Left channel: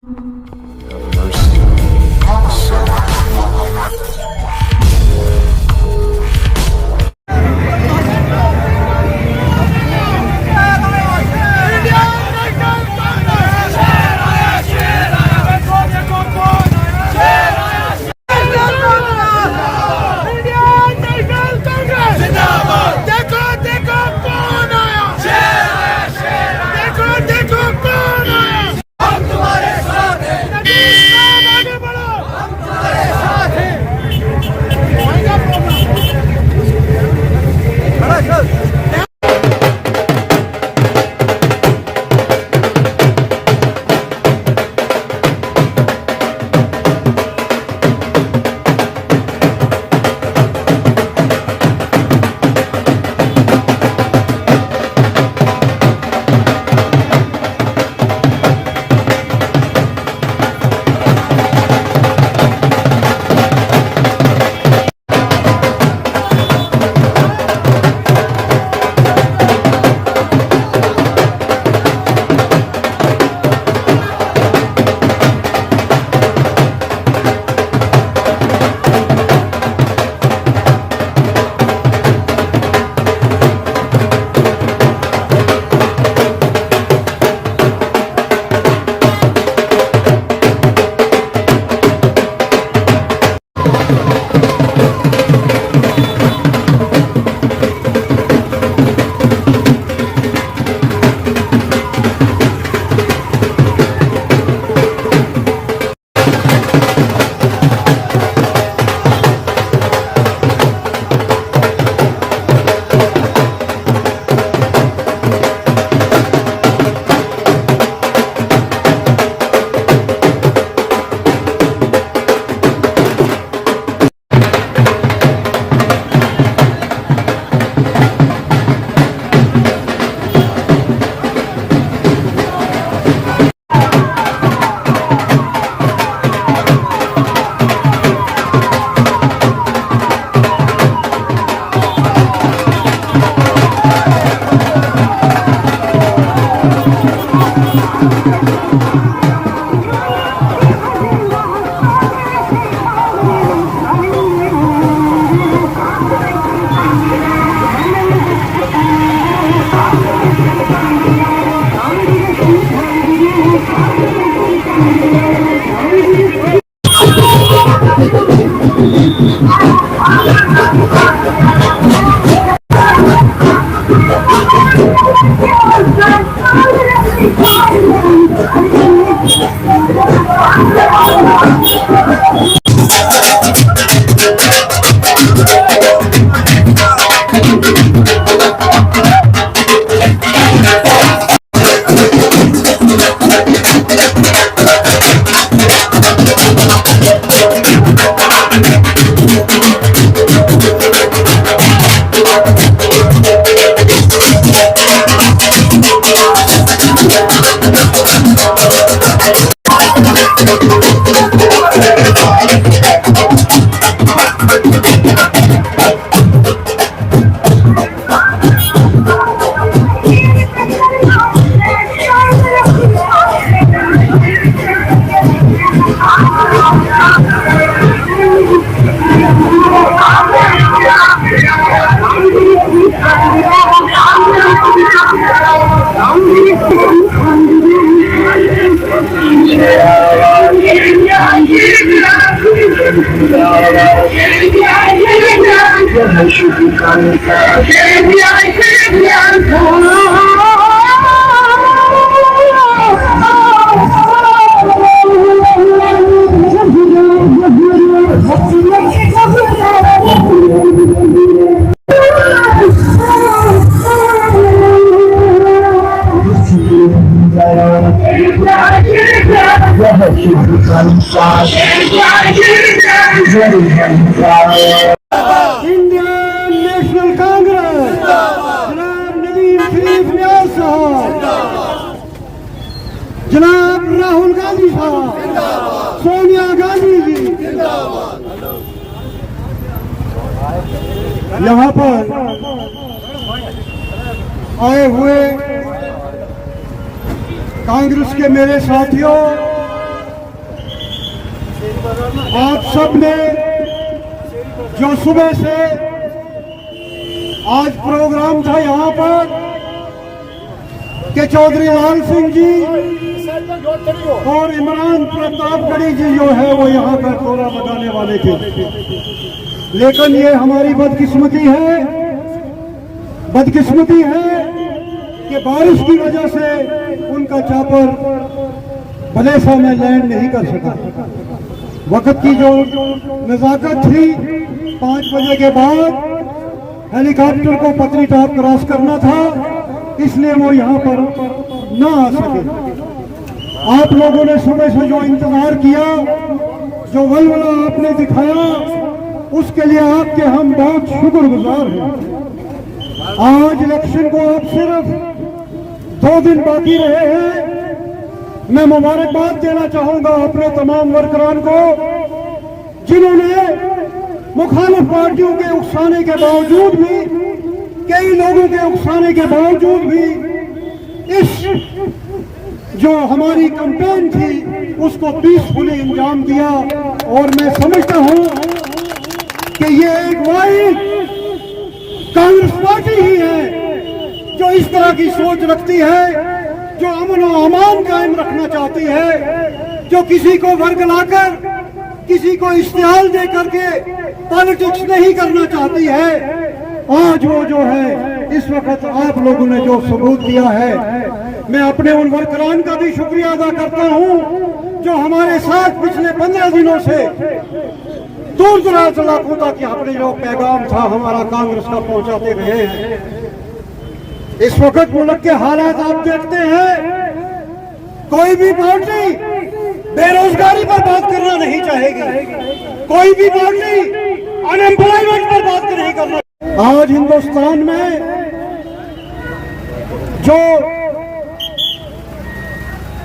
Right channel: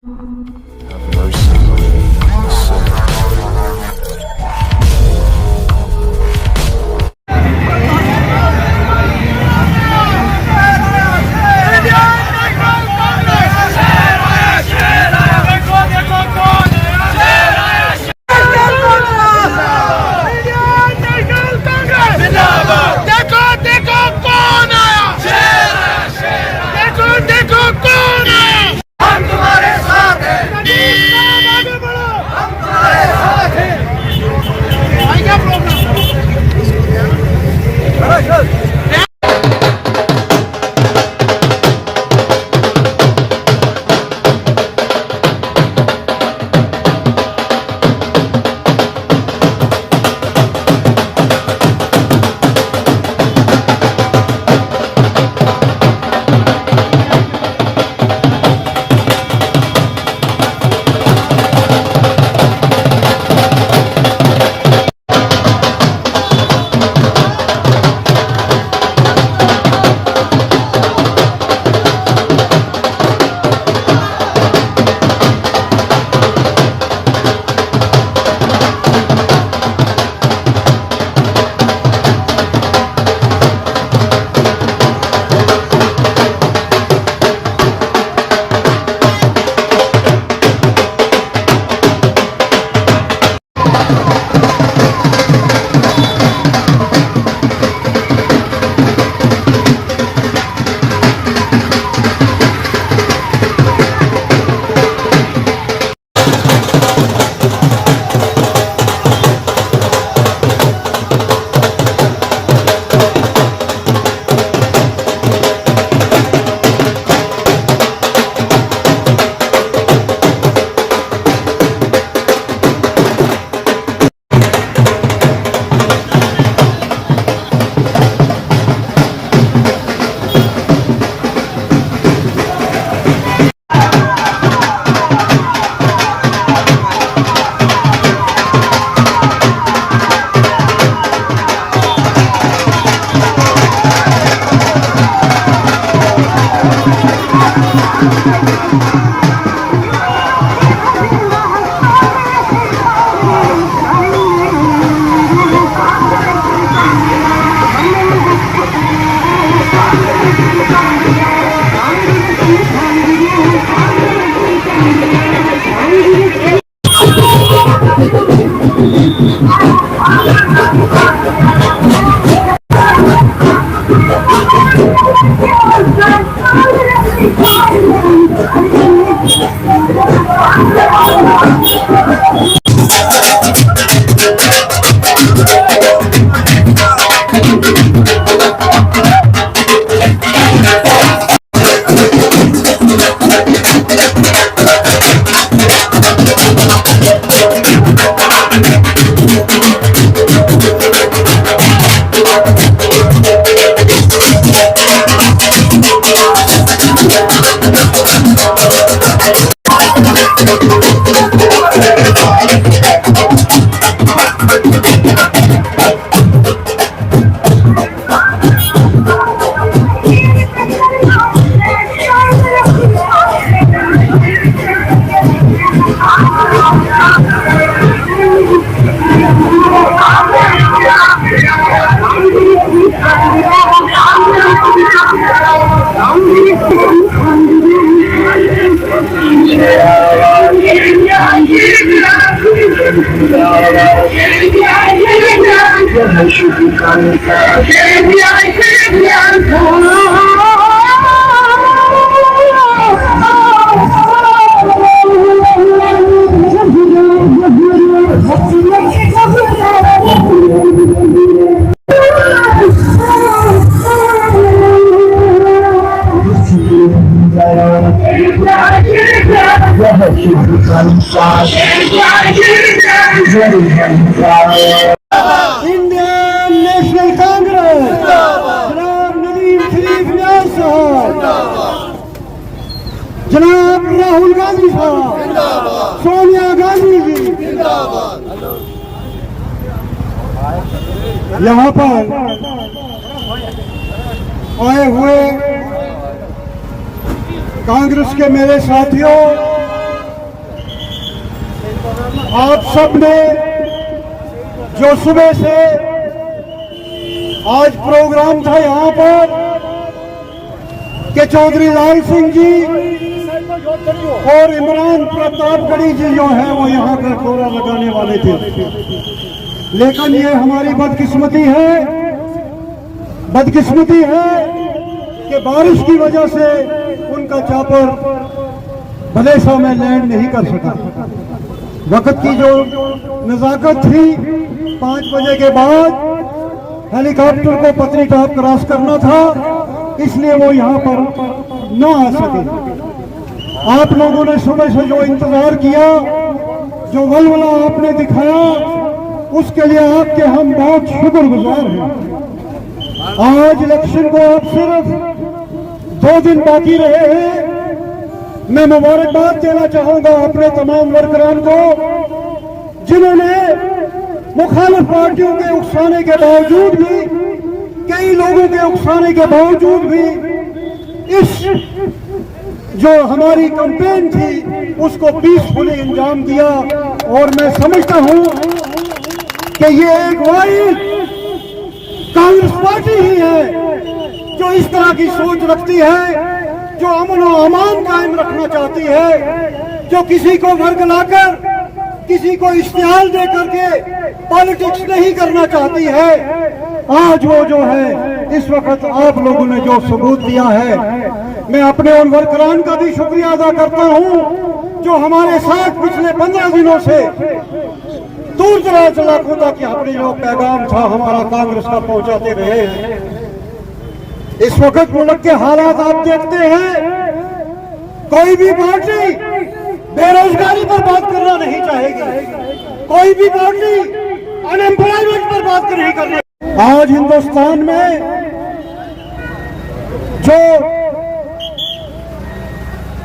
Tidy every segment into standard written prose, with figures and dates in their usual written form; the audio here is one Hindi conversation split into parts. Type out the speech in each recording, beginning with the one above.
Have mercy on me, a sinner. Indian national Congress जनाब नदीम शरीफ न्याज साहब, जनाब राहुल गांधी साहब, सोनिया गांधी जी यहाँ पर आए हुए कांग्रेस के मेरे साथियों, आप सब ने जो सुबह से आज प्रोग्राम था यहाँ पर कि चौधरी लाल सिंह जी और इमरान प्रतापगढ़ी जी जो है वो यहाँ पर कोरा लगाने वाले थे, लेकिन ये हमारी बदकिस्मती है कि बारिश की वजह से उनका चॉपर भलेसा में लैंड नहीं कर सका। वक्त की जो नजाकत थी, 5 बजे के बाद हेलीकॉप्टर को पतनी टॉप क्रॉस करना था, इसलिए वो यहाँ पर न आ सके। आप लोगों ने समय से जो इंतजार किया, जो वलवला आपने दिखाया, उसके लिए आपके हम बहुत शुक्रगुजार हैं। आज इलेक्शन को अब सिर्फ 2 दिन बाकी रहे हैं। मैं मुबारकबाद देना चाहूंगा अपने तमाम वर्करान को, जिन्होंने मुखालिफ पार्टियों के उकसाने के बावजूद भी, कई लोगों के उकसाने के बावजूद भी इस जो हमारी कैंपेन थी उसको पीसफुली अंजाम दिया। और मैं समझता हूं कि ये एक वाहिद कांग्रेस पार्टी ही है जो इस तरह की सोच रखती है, जो अमन और अमान कायम रखना चाहती है, जो किसी को वर्गलाकर, किसी को इश्तिहार दे करके पॉलिटिक्स नहीं करना चाहती है। आज वो जो है इस वक्त आप लोगों ने जो सबूत दिया है, मैं अपने उन वर्करान का भी शुक्रिया अदा करता हूं जो हमारे साथ पिछले 15 दिनों से दूर दराज इलाकों तक अपने जो पैगाम था हमारा कांग्रेस का पहुंचाते रहे हैं। इस वक्त मुल्क के हालात आप देखते हैं, कोई भी पार्टी बेरोजगारी पर बात करना नहीं चाहेगी, कोई भी पार्टी अनएम्प्लॉयमेंट पर बात नहीं करना। आज हिंदुस्तान में जो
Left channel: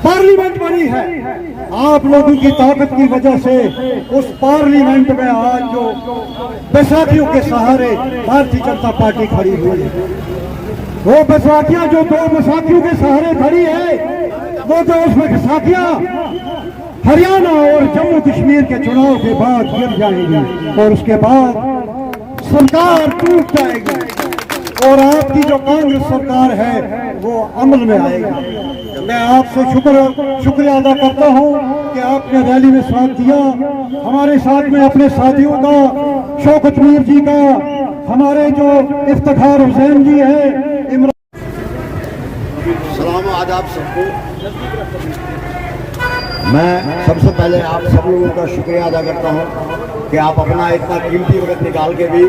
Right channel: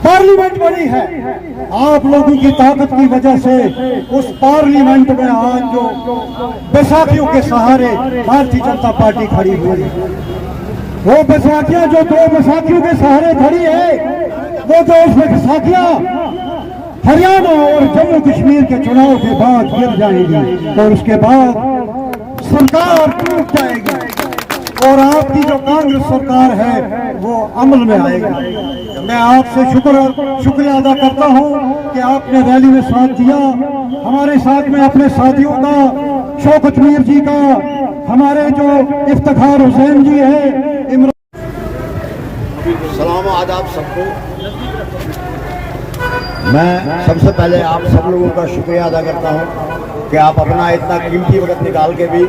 पार्लियामेंट बनी है, आप लोगों की ताकत की वजह से उस पार्लियामेंट में आज जो बैसाखियों के सहारे भारतीय जनता पार्टी खड़ी हुई है, वो बैसाखियां जो 2 बैसाखियों के सहारे खड़ी है, वो जो उसमें बैसाखियां हरियाणा और जम्मू कश्मीर के चुनाव के बाद गिर जाएंगी और उसके बाद सरकार टूट जाएगी और आपकी जो कांग्रेस सरकार है वो अमल में आएगी। मैं आपसे शुक्रिया अदा करता हूं कि आपने रैली में साथ दिया। हमारे साथ में अपने साथियों का, शौकत मीर जी का, हमारे जो इफ्तिखार हुसैन जी हैं, सलाम आदाब सबको। मैं सबसे पहले आप सब लोगों का शुक्रिया अदा करता हूं कि आप अपना इतना कीमती वक्त निकाल के भी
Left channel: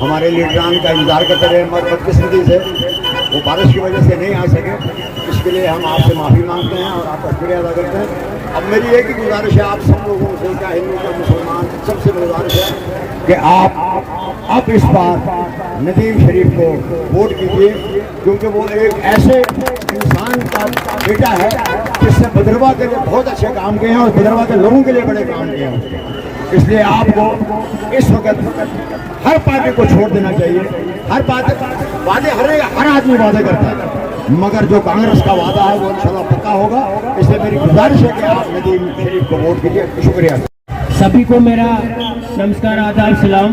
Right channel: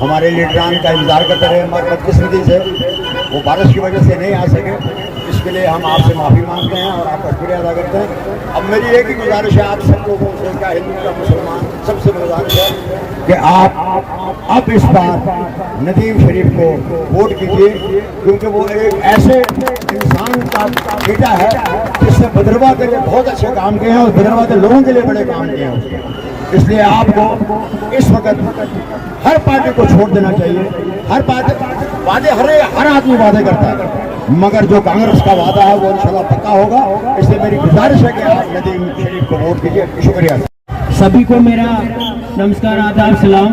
हमारे लीडरान का इंतजार करते रहे। मगर बदकिस्मती से वो बारिश की वजह से नहीं आ सके, इसके लिए हम आपसे माफ़ी मांगते हैं और आपका शुक्रिया अदा करते हैं। अब मेरी एक ही गुजारिश है आप सब लोगों से, क्या हिंदू का मुसलमान, सबसे गुजारिश है कि आप अब इस बार नदीम शरीफ को वोट कीजिए, क्योंकि वो एक ऐसे इंसान का बेटा है जिसने भद्रवा के लिए बहुत अच्छे काम किए हैं और भद्रवा के लोगों के लिए बड़े काम किए हैं उसके। इसलिए आपको इस वक्त हर पार्टी को छोड़ देना चाहिए। हर वादे हर आदमी वादे करता है, मगर जो कांग्रेस का वादा है वो इंशाल्लाह पक्का होगा। इसलिए मेरी गुजारिश है कि आप नदीम शरीफ को वोट कीजिए। शुक्रिया। सभी को मेरा नमस्कार, आदाब, सलाम।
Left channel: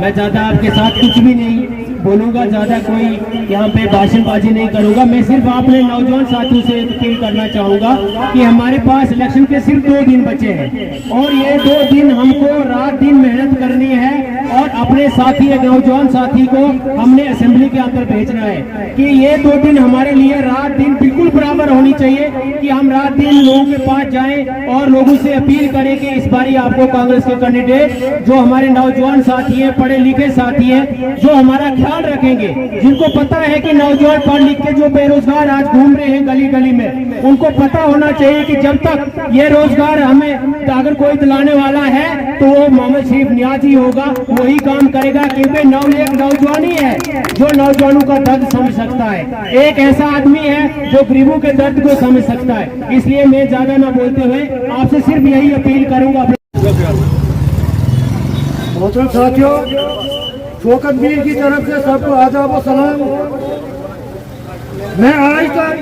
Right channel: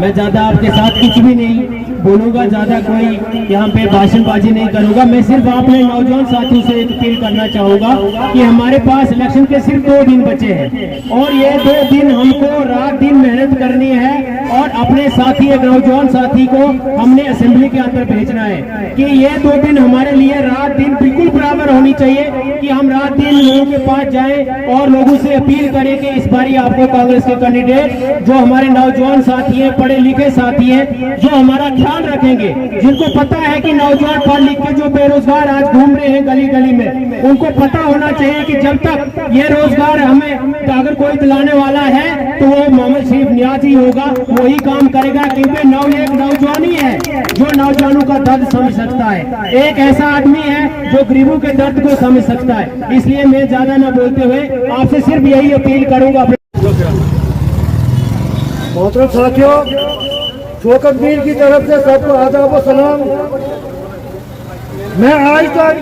मैं ज़्यादा आपके साथ कुछ भी नहीं बोलूँगा, ज़्यादा कोई यहाँ पे भाषणबाजी नहीं करूँगा। मैं सिर्फ अपने नौजवान साथियों से एक अपील करना चाहूँगा कि हमारे पास इलेक्शन के सिर्फ 2 दिन बचे हैं और ये 2 दिन हमको रात दिन मेहनत करनी है और अपने साथी, एक नौजवान साथी को हमने असेंबली के अंदर भेजना है कि ये 2 दिन हमारे लिए रात दिन बिल्कुल बराबर होनी चाहिए कि हम रात दिन लोगों के पास जाएं और लोगों से अपील करें कि इस बारी आपको कांग्रेस के कैंडिडेट जो हमारे नौजवान साथी हैं, पढ़े लिखे साथी हैं, जो हमारा ख्याल रखेंगे, जिनको पता है कि नौजवान पढ़ लिख के जो बेरोजगार आज घूम रहे हैं गली गली में, उनको पता होना चाहिए कि जब तक ये रोजगार हमें अगर कोई दिलाने वाला है तो वो मोहम्मद शरीफ नियाज़ ही होगा, वही काम करेगा। क्योंकि एक नौजवानी है जो नौजवानों का दर्द समझ सकता है, एक ऐसा आदमी है जो गरीबों के दर्द को समझ सकता है। इसलिए मैं ज्यादा न बोलते हुए आपसे सिर्फ यही अपील करूंगा। मोहतरम साथियों, शौकत मीर की तरफ से सबको आदाब व सलाम। मैं आज तक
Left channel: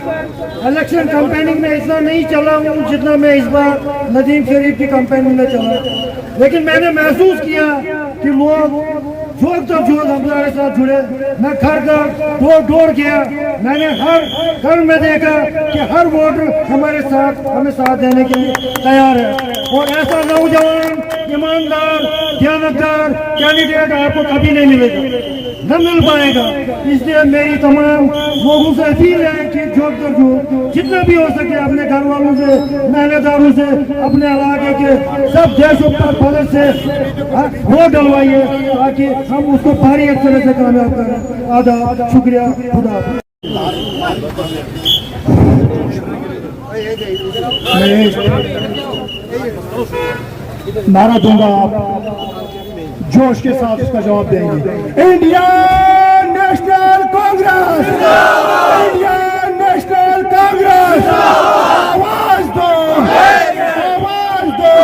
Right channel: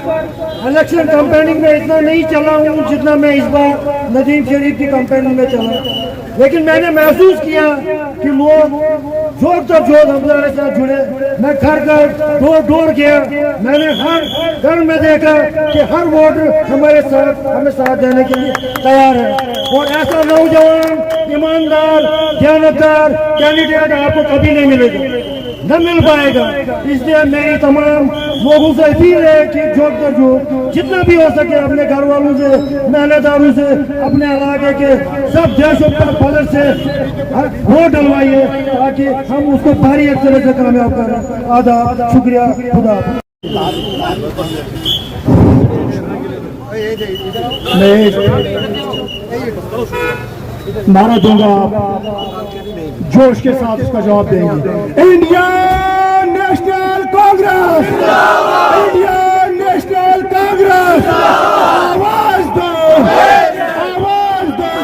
इलेक्शन कैंपेनिंग में इतना नहीं चला हूँ जितना मैं इस बार नदीम शरीफ की कैंपेनिंग में चला, लेकिन मैंने महसूस किया कि लोग जो हमारे साथ जुड़े। मैं घर डोर गया, मैंने हर घर में देखा कि हर वोटर हमारे साथ हमें साथ देने के लिए तैयार है, और ऐसा नौजवान ईमानदार दयानतदार कैंडिडेट आपको कभी नहीं मिलेगा, न मिल पाएगा। इसलिए मेरी तमाम लोगों से अपील है कि जो जितना भी हो सके अपने घर वालों से, मेहनतदारों से, अपने इलाके के सब देशभक्त से वोट डलवाइए ताकि हम उसको भारी एक तरह से कामयाब करें। आदाब, शुक्रिया, खुदा। नारा दूंगा, आप जोश के साथ इसका जवाब देंगे। India national Congress, India national Congress, आवाज दो, आवाज दो,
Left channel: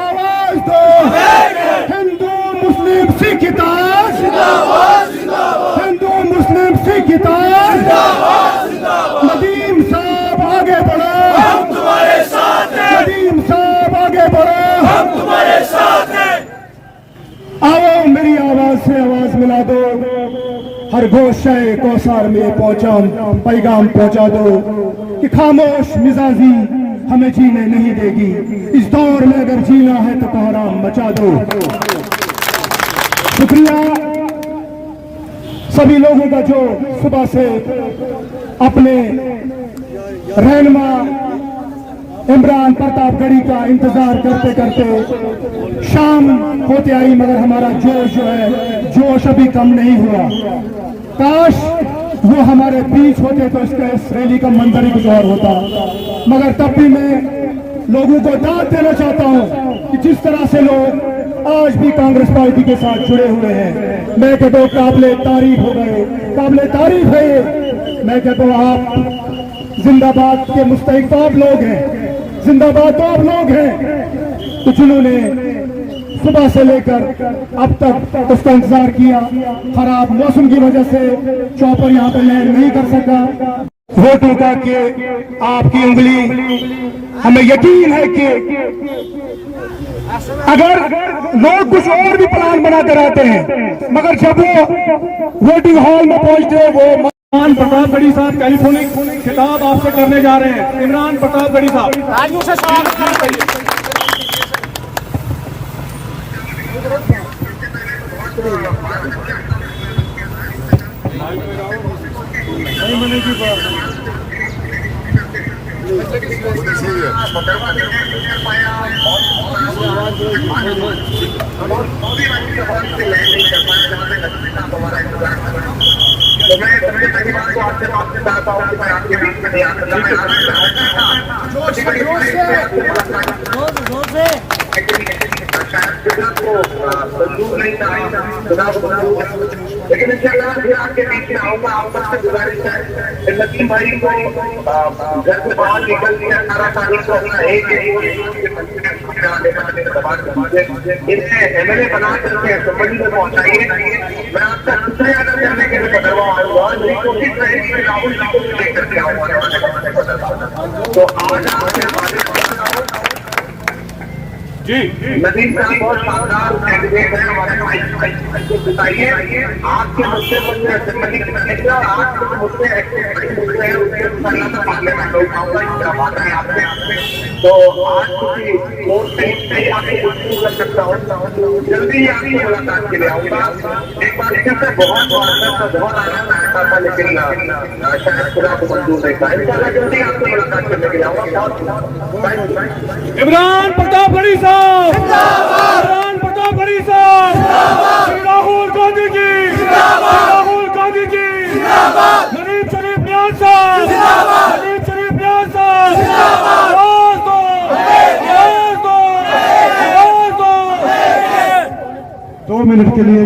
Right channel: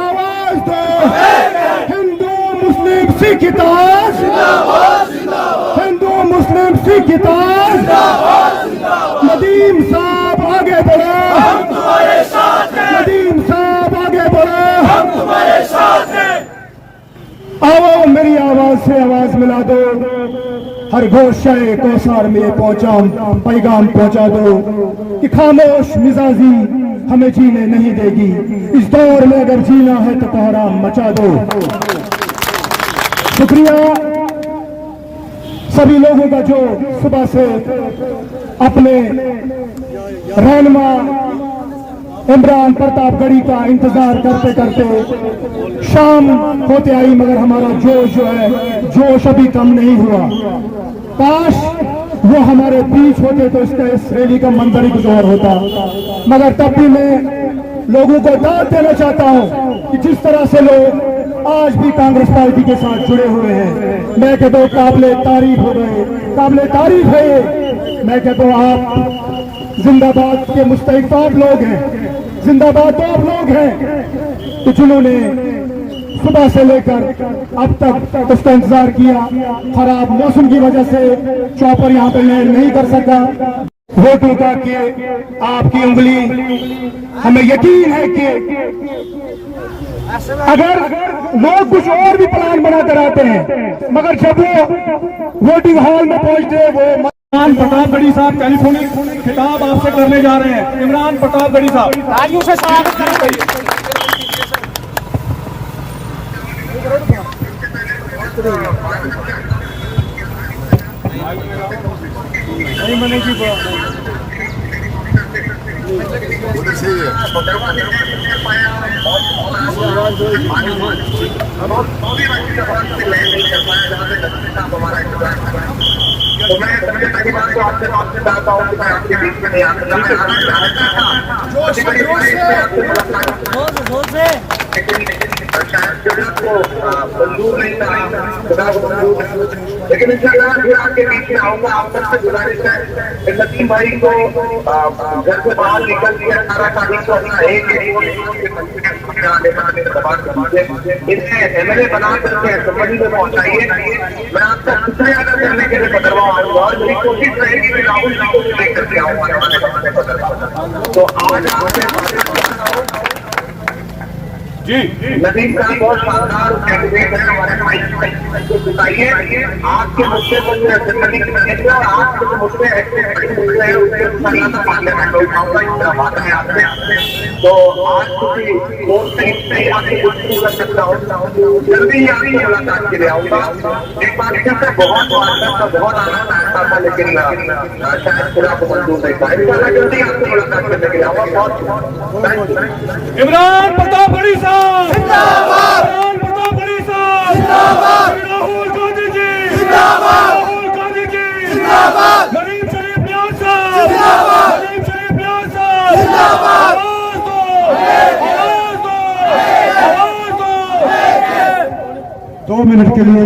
आवाज दो। हिंदू मुस्लिम सिख इत्तेहाद, हिंदू मुस्लिम सिख इत्तेहाद। नदीम साहब आगे बढ़ो, नदीम साहब आगे बढ़ो। आओ मेरी आवाज से आवाज मिला दो, हर गोशे कौसार में पहुंचा पैगाम पहुंचा दो कि खामोश मिजाजी हमें जीने नहीं देगी। इस दौर में अगर जीना है तो कोहराम मचा दो। शुक्रिया सभी लोगों का जो सुबह से अपने रहनुमा इमरान प्रतापगढ़ी का इंतजार करते करते शाम होते आई, मगर हमारा जोश जो है, जोश अभी कम नहीं हुआ। काश वो हमारे बीच होते तो इसका इस रैली का मंजर ही कुछ और होता, मगर तब भी मैं लोगों को दाद देना चाहता हूं कि जिस तरह से लोग आज भी कांग्रेस पार्टी के साथ जुड़े हुए हैं, मैं कहता हूं काबिले तारीफ हो गए, काबिले तारीफ है ये। मैं कहता हूं आप जिंदाबाद के मुस्तहिक तो आप लोग हैं, जिंदाबाद तो आप लोग हैं, तो जिन्होंने सुबह से लेकर अब तक उसका इंतजार किया। खराब मौसम की वजह से चौपर यहाँ पर लैंड नहीं कर सका। वोटों का के आपकी उंगली, हमें यकीन है कि अगर लोग कुछ और भी प्लान बनाकर आते हैं, मगर जब वो वोटिंग हॉल में पहुंचते वो इमरान प्रतापगढ़ी साहब टेलीफोनिक खिताब आपसे करने जा रहे हैं। इमरान प्रतापगढ़ी साहब आजू से स्वागत करिए। तो मैं सबसे पहली बात तो आपसे चाहता हूँ कि मैं आपके बीच में नहीं आकर मंजूर नहीं था, लेकिन इंशाल्लाह फिर आपके बीच में आऊंगा। आप सबसे गुजारिश है नदीम भाई को घर से बाहर निकल के 18 तारीख को अपना इन्हें MLA बना करके असेंबली में पहुंचाइए। मैं आपका शुक्रिया अदा करने के लिए बदलवा आऊंगा और मेरी कोशिश रहेगी कि राहुल जी को लेकर के आऊंगा। तो आज आपसे जी नदीम साहब बहुत शानदार कैंडिडेट है हमारे बताइए आपके मुद्दे पर आपके जो मुद्दे हैं उसके पार्लियामेंट में उठाऊंगा, इस तरह बात है आपसे। तो आज कर सकता हूँ, जल्दी ही आपकी मुलाकात के लिए आऊंगा। एक बार फिर से बहुत बहुत आनंद आता था, लेकिन शायद पूरा को मंजूर नहीं पाया। जल्दी आपकी मुलाकात करने के लिए आऊंगा। इमरान प्रतापगढ़ी साहब, इमरान प्रतापगढ़ी साहब, राहुल गांधी जी, राहुल गांधी जी, नदीम शरीफ प्यार साहब, नदीम शरीफ प्यार साहब, आवाज दो, आवाज दो, आवाज दो। 2 मिनट के लिए